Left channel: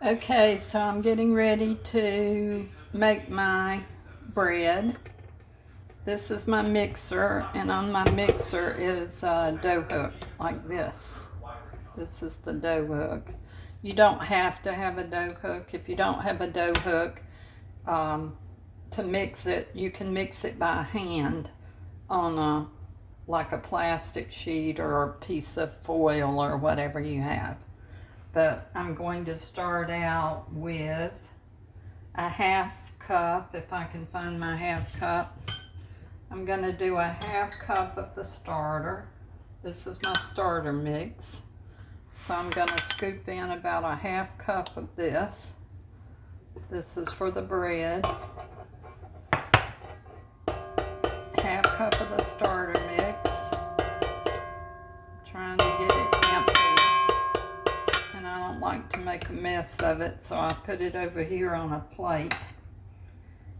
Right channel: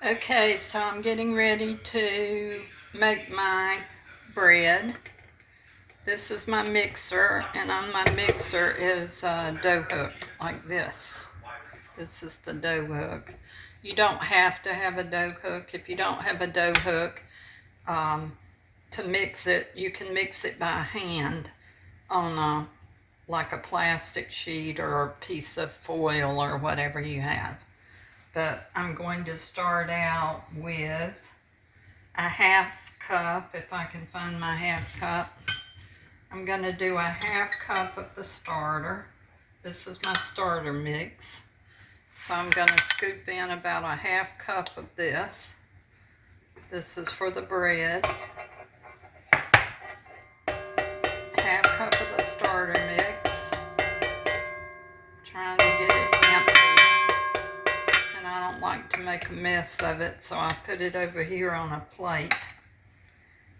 Okay, so I'm getting ready to make my bread. This is my mixer, and on my mixer is a dough hook like this. This is the dough hook. You don't have to have a dough hook. If you don't have a dough hook, to mix it, you can mix it by hand on like a plastic sheet or a piece of foil or whatever you have. But I'm going to start out with a half cup, if I can find my half cup. I'm going to do a half cup of the starter. This is my starter mix. So I'm going to scoop in about a half cup of this. This is for the bread. Half cup of the starter mix. Trying to get it empty. And I don't like to make a mess of it, so I put it over here on a plate.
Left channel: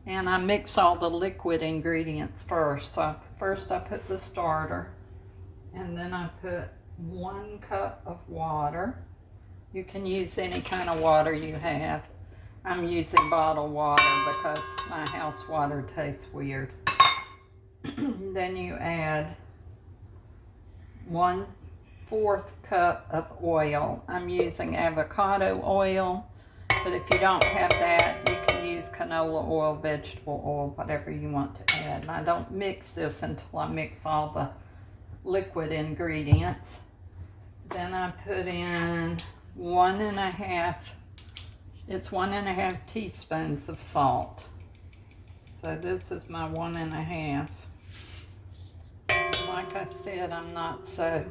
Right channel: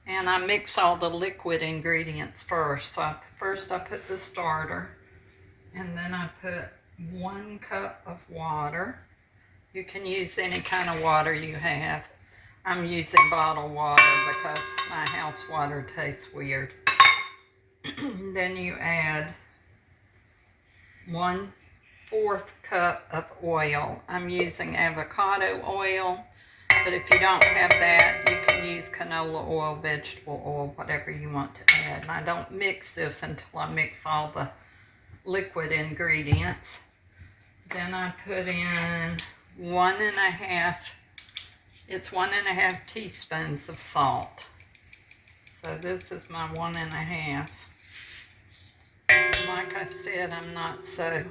And I mix all the liquid ingredients first. So first I put the starter, and then I put 1 cup of water. You can use any kind of water you have. I'm using bottled water because my house water tastes weird. Then you add 1/4 cup of oil. I'm using avocado oil, but if you don't have that, you can use canola oil, vegetable oil, whatever you want to add. And I don't mix this until I mix all the liquid ingredients. Then I put in 1.5 teaspoons of salt. So this is my 1.5. Like I said, I'm not so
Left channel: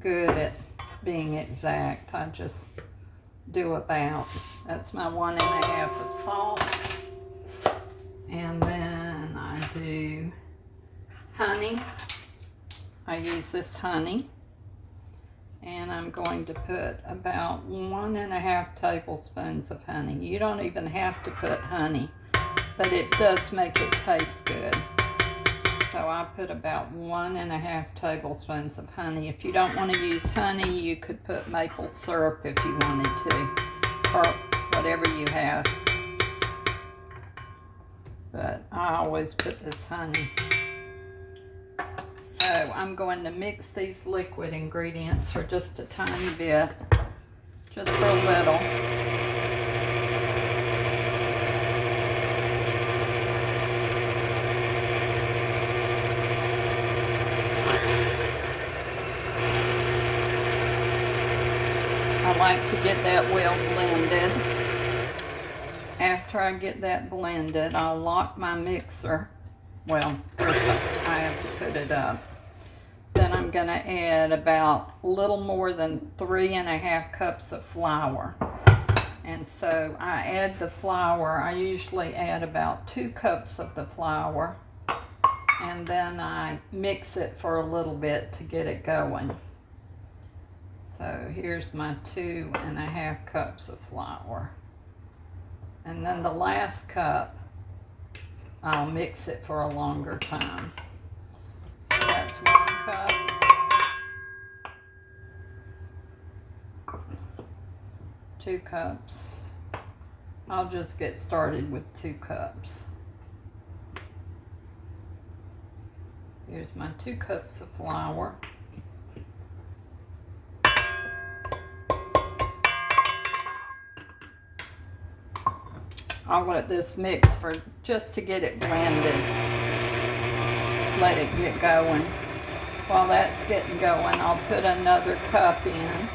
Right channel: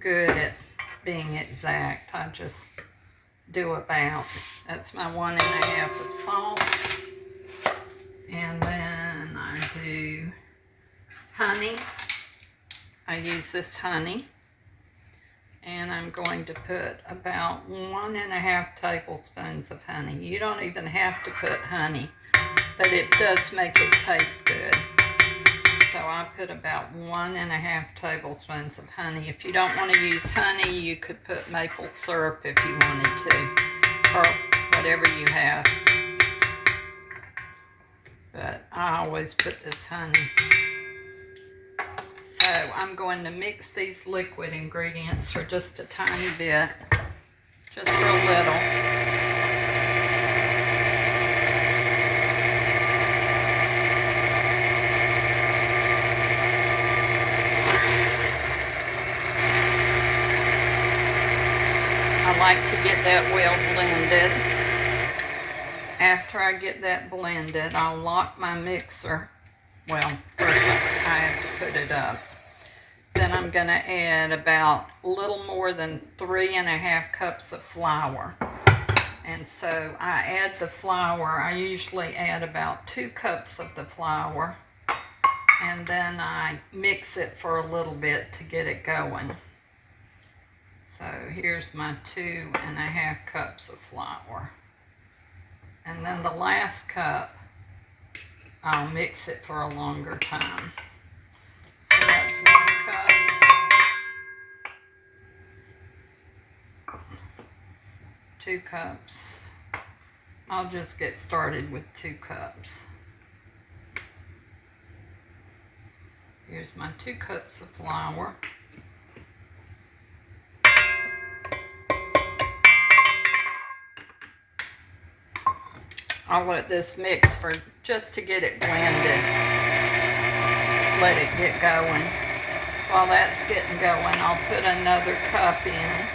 good at being exact. I just do about. That's my 1.5 of salt. And then I do honey. I use this honey. And I'm going to put about 1.5 tablespoons of honey. You don't even have to put honey, but it does make it taste good. So I put about 1.5 tablespoons of honey. If you don't want to use honey, you could put maple syrup if you wanted to, or whatever you have. But I always put this honey. So I'm going to mix these liquid ingredients for just a tiny bit, just for a little. I like to get that well blended. After I get that blended, I'll lock my mixer. Well, first I have to put it up. Then I'm going to add about a little more than 3.5 cups of flour. And so I add the flour. I usually add about 2 cups of the flour. And then I mix it for a little bit to get it going. So here's my 2.5 cups of flour. And then the last cup, I'll mix it for a longer time. So that's 1 cup. 2 cups. I'll just get started with 2 cups. Here's my 2 cups of flour. I'll let this mix for just to get it blended. Let it get going. While that's getting going, I'll put another cup in.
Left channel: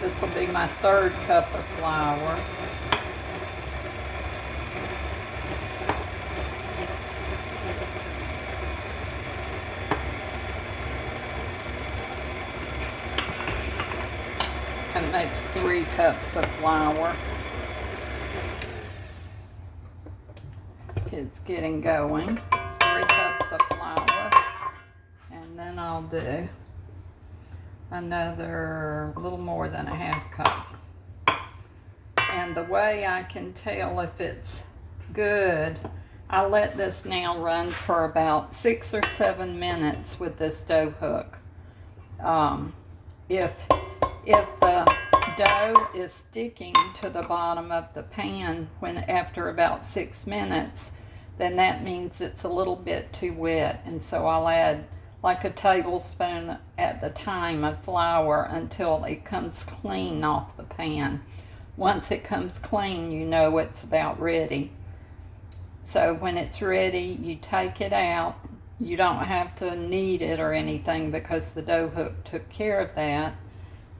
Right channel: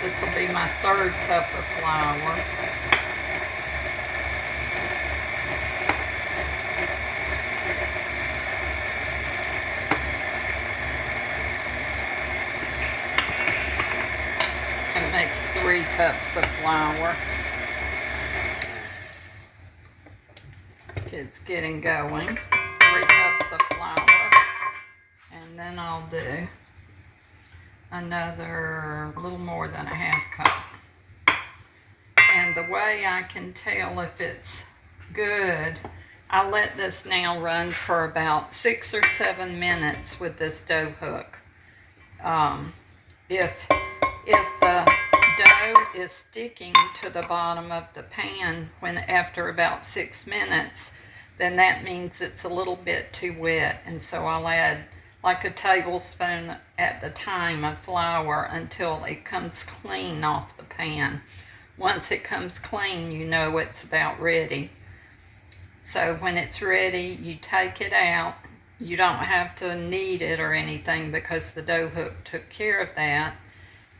This will be my 3rd cup of flour. It makes 3 cups of flour. It's getting going. 3 cups of flour. And then I'll do another little more than a half cup. And the way I can tell if it's good, I let this now run for about 6 or 7 minutes with this dough hook. If the dough is sticking to the bottom of the pan when after about 6 minutes, then that means it's a little bit too wet. And so I'll add like a tablespoon at the time of flour until it comes clean off the pan. Once it comes clean, you know it's about ready. So when it's ready, you take it out. You don't have to knead it or anything because the dough hook took care of that.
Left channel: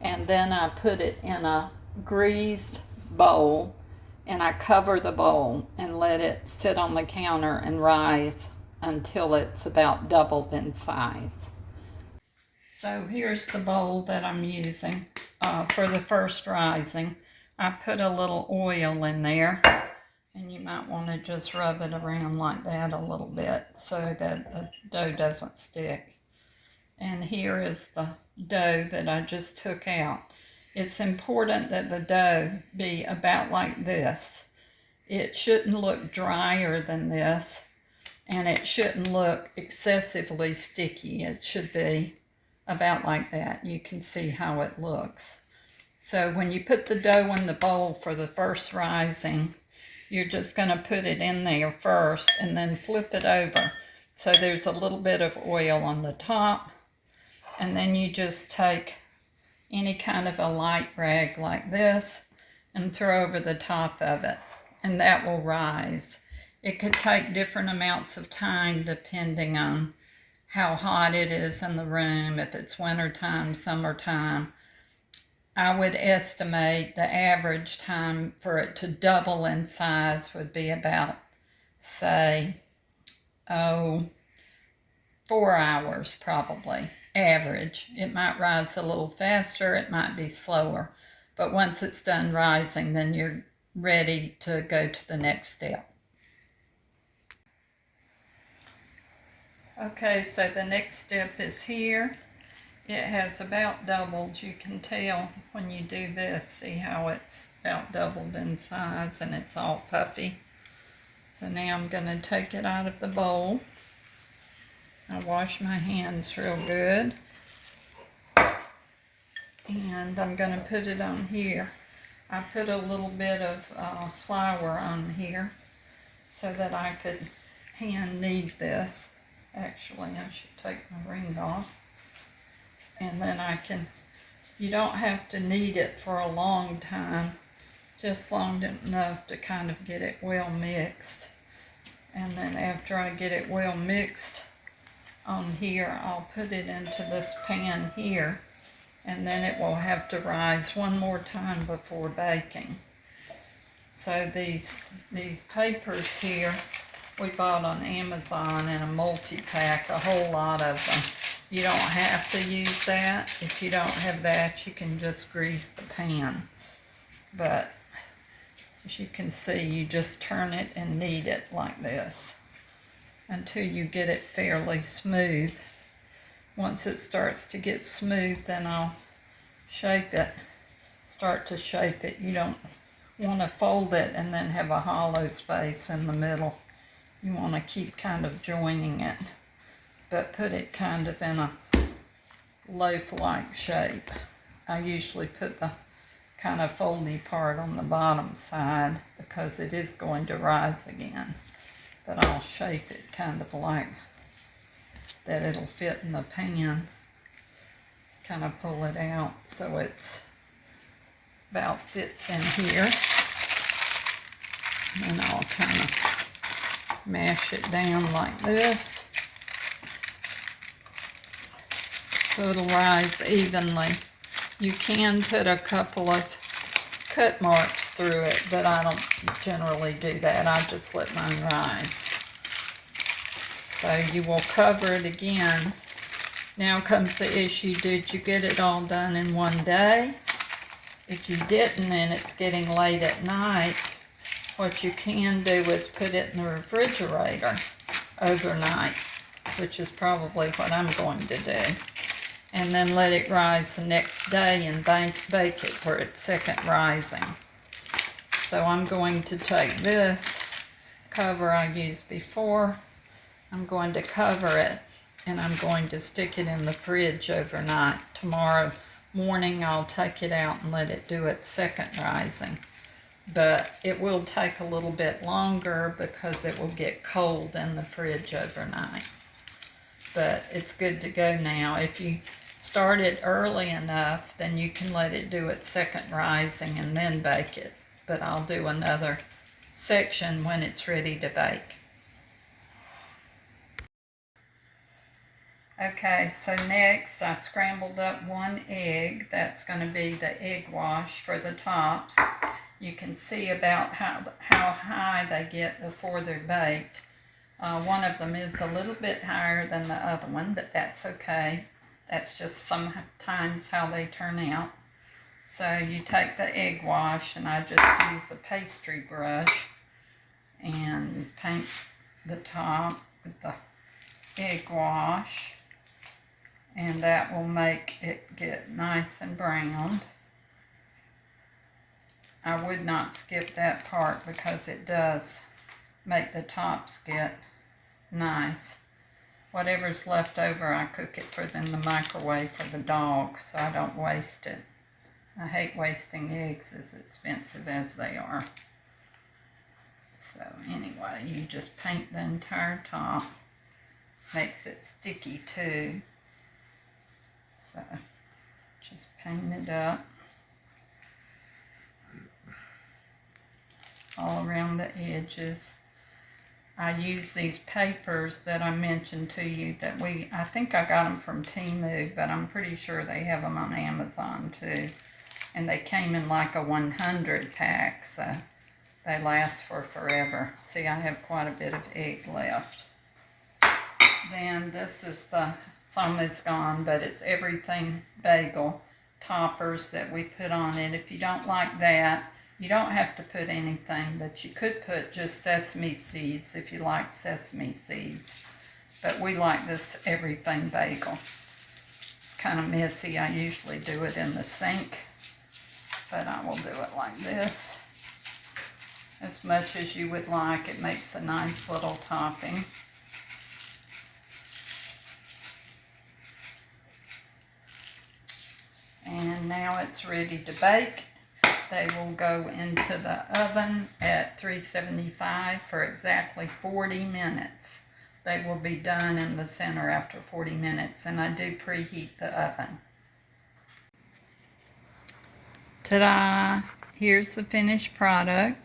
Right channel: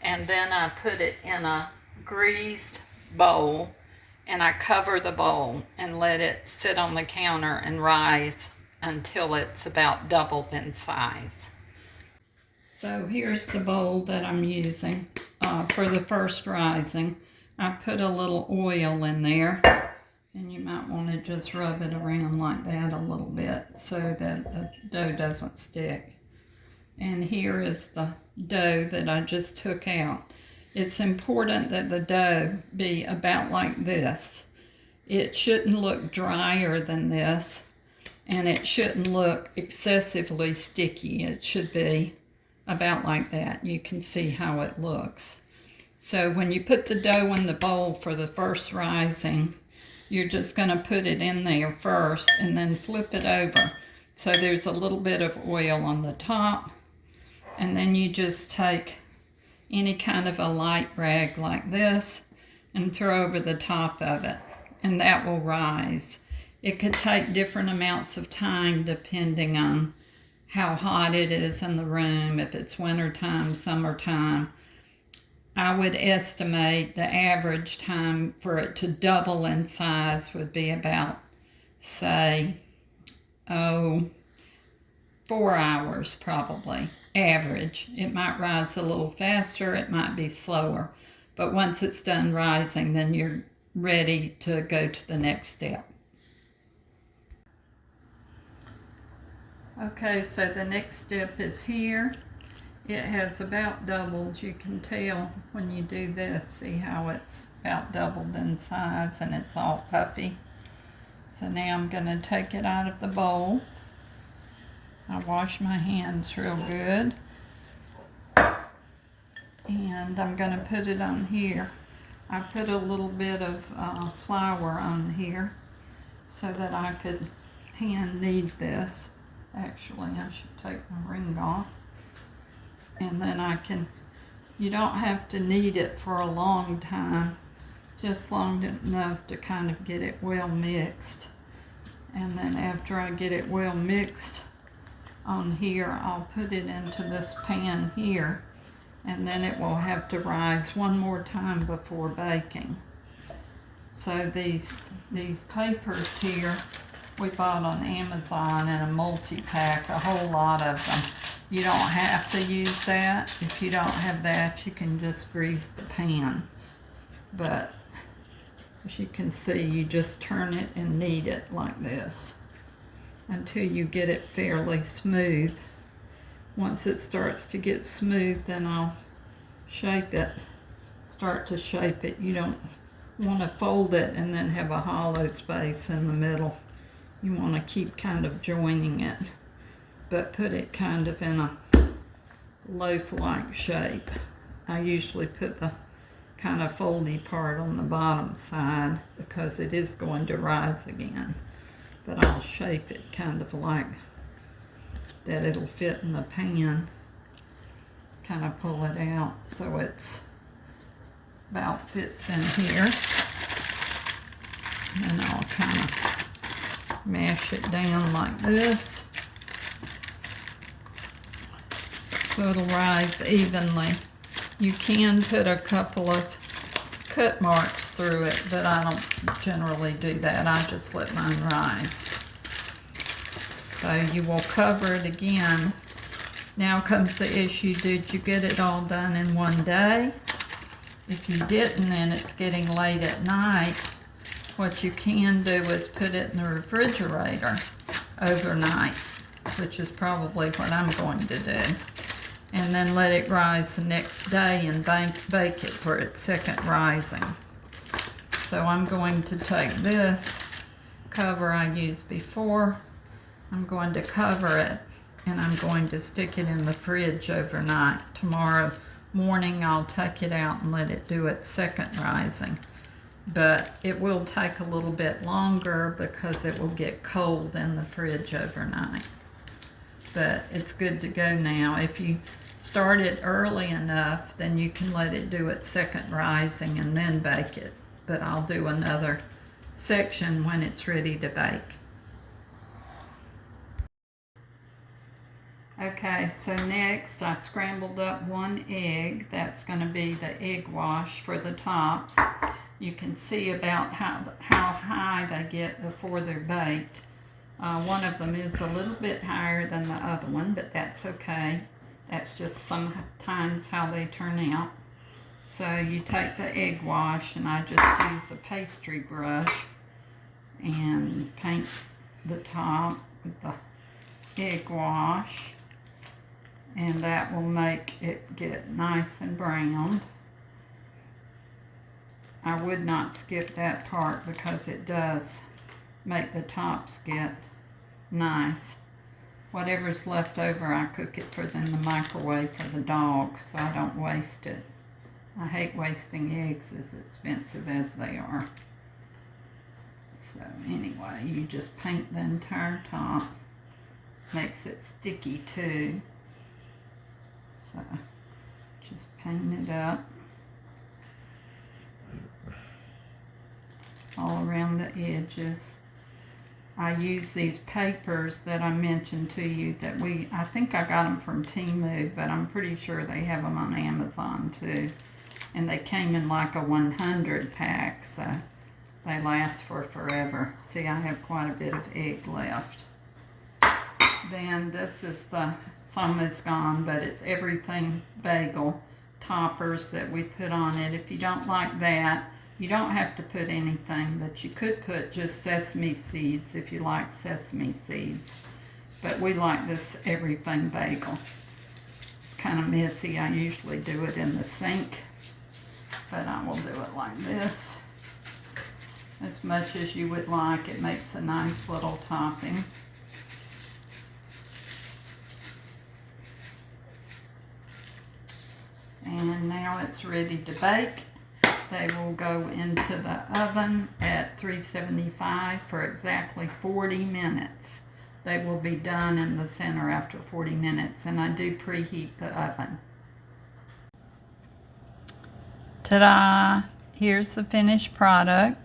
And then I put it in a greased bowl, and I cover the bowl and let it sit on the counter and rise until it's about doubled in size. So here's the bowl that I'm using for the first rising. I put a little oil in there, and you might want to just rub it around like that a little bit so that the dough doesn't stick. And here is the dough that I just took out. It's important that the dough be about like this. It shouldn't look drier than this, and it shouldn't look excessively sticky. It should be about like that. You can see how it looks. So when you put the dough in the bowl for the first rising, you're just going to put it in there first and then flip it over. So there's a little bit of oil on the top. And then you just take any kind of a light rag like this and throw over the top of it, and that will rise. It could take different amounts of time depending on how hot it is in the room, if it's wintertime, summertime. I would estimate the average time for it to double in size would be about, say, 4 hours probably. Average. It might rise a little faster, it might be slower, but once it's done rising, then you're ready to go to the next step. Okay, so the next step is here. It has about doubled. You can tell when you do this, see how it's about doubled in size and it's all puffy. So now I'm going to take it out of the bowl. I wash my hands real good, and I'm going to put it on here. I put a little bit of flour on here so that I could hand knead this. Actually, I should take my ring off, and then you don't have to knead it for a long time, just long enough to kind of get it well mixed. And then after I get it well mixed, on here, I'll put it into this pan here, and then it will have to rise one more time before baking. So these papers here we bought on Amazon in a multi-pack, a whole lot of them. You don't have to use that. If you don't have that, you can just grease the pan. But as you can see, you just turn it and knead it like this until you get it fairly smooth. Once it starts to get smooth, then I'll start to shape it. You don't want to fold it and then have a hollow space in the middle. You want to keep kind of joining it, but put it kind of in a loaf-like shape. I usually put the kind of foldy part on the bottom side because it is going to rise again. But I'll shape it kind of like that it'll fit in the pan. Kind of pull it out so it's about fits in here. And I'll kind of mash it down like this so it'll rise evenly. You can put a couple of cut marks through it, but I don't generally do that. I just let mine rise. So you will cover it again. Now comes the issue, did you get it all done in one day? If you didn't and it's getting late at night, what you can do is put it in the refrigerator overnight, which is probably what I'm going to do. And then let it rise the next day and bake it for its second rising. So I'm going to take this cover I used before, I'm going to cover it, and I'm going to stick it in the fridge overnight. Tomorrow morning I'll take it out and let it do its second rising. But it will take a little bit longer because it will get cold in the fridge overnight. But it's good to go now. If you start it early enough, then you can let it do its second rising and then bake it. But I'll do another section when it's ready to bake. Okay, so next I scrambled up 1 egg. That's going to be the egg wash for the tops. You can see about how high they get before they're baked. One of them is a little bit higher than the other one, but that's okay. That's just sometimes how they turn out. So you take the egg wash, and I just use a pastry brush and paint the top with the egg wash, and that will make it get nice and browned. I would not skip that part because it does make the tops get nice. Whatever's left over, I cook it for in the microwave for the dog, so I don't waste it. I hate wasting eggs as expensive as they are. So anyway, you just paint the entire top. Makes it sticky too. So just paint it up all around the edges. I use these papers that I mentioned to you that I think I got them from Temu, but I'm pretty sure they have them on Amazon too. And they came in like a 100 pack, so they last for forever. See, I have quite a bit of egg left. Then this is some is gone, but it's everything bagel toppers that we put on it. If you don't like that, you don't have to put anything, but you could put just sesame seeds if you like sesame seeds. But we like this everything bagel. It's kind of messy. I usually do it in the sink, but I will do it like this. As much as you would like. It makes a nice little topping. And now it's ready to bake. They will go into the oven at 375 for exactly 40 minutes. They will be done in the center after 40 minutes, and I do preheat the oven. Ta-da! Here's the finished product.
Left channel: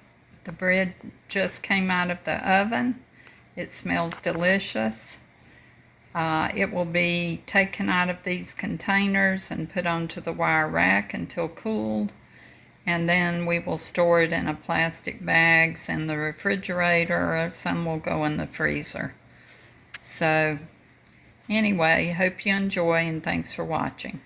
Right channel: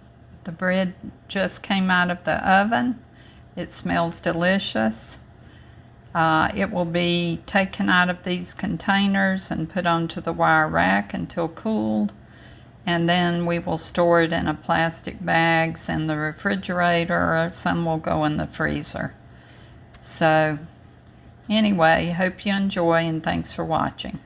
The bread just came out of the oven. It smells delicious. It will be taken out of these containers and put onto the wire rack until cooled. And then we will store it in a plastic bags in the refrigerator, or some will go in the freezer. So anyway, hope you enjoy, and thanks for watching.